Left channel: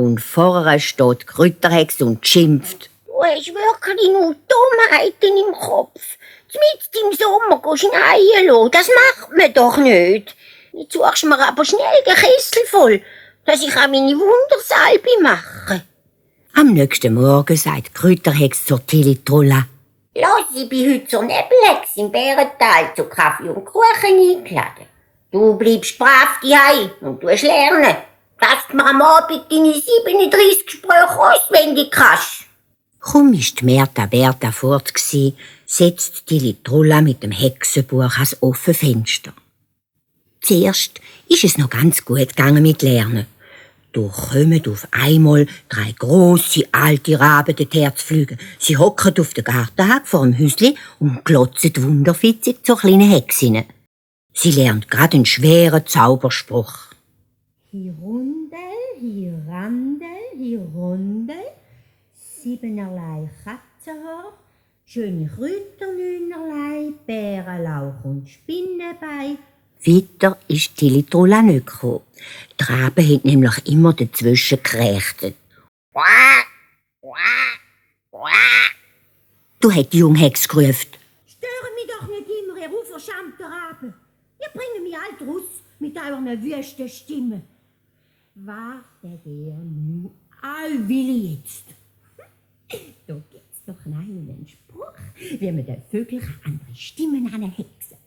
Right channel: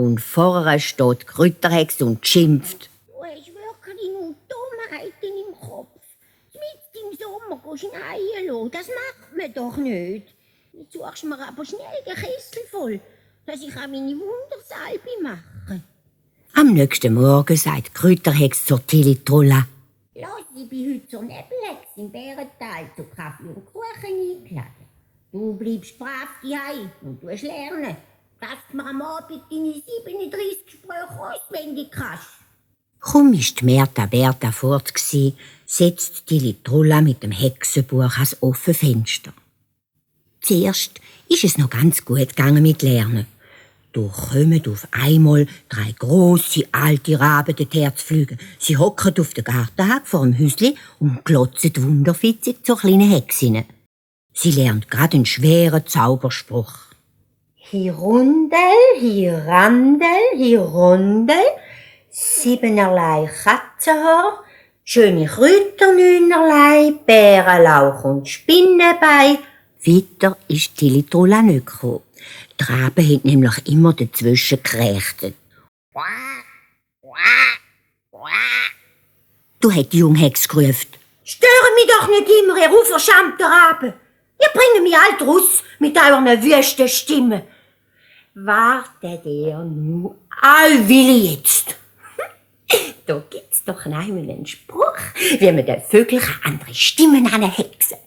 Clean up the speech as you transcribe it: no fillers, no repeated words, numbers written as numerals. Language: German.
Und vorher steht die Kräuterhexe und schimpft. Du hast wirklich nur Dummheiten im Kopf. Mitten im Sommer gehst du schneien lassen. Das macht man doch nicht. Jetzt suchst du mir aber schnell den Kessel voll, dass ich auch meine Wundersalbe mache. Am nächsten Morgen sagt die Kräuterhexe zur Tilly-Trulla. Lass, ich bin heute zur Nebelhexe im Bärental zu Kaffee und Kuchen eingeladen. Du bleibst brav daheim und tust lernen, dass du mir am Abend deine 37 Sprüche auswendig kannst. Kaum war die Berta fort, setzt Tilly-Trulla mit dem Hexenbuch ans offene Fenster. Zuerst ist es noch ganz gut gegangen mit Lernen. Da kommen auf einmal 3 grosse alte Raben dorthin zu fliegen. Sie hocken auf der Gartenhag vor dem Häusli und glotzen wunderfitzig zur kleinen Hexe. Sie lernt gerade einen schweren Zauberspruch. Hirundel, Hirandel, Hirondel, 7erlei Katzenhaar, schöne Kräuternünerlei, Bärenlauch und Spinnenbein. Weiter ist Tilly-Trulla nicht gekommen. Die Raben haben nämlich immer dazwischen gekrächzt. Du hat die junge Hexe gerufen. Stören mich doch nicht immer, ihr unverschämten Raben. Ihr bringt mich alt raus mit euren wüsten Stimmen. Wartet ihr nur allwillig jetzt. Da gibt's doch einmal einen Spruch, wie man den Vögeln andere Stimmen anhexen.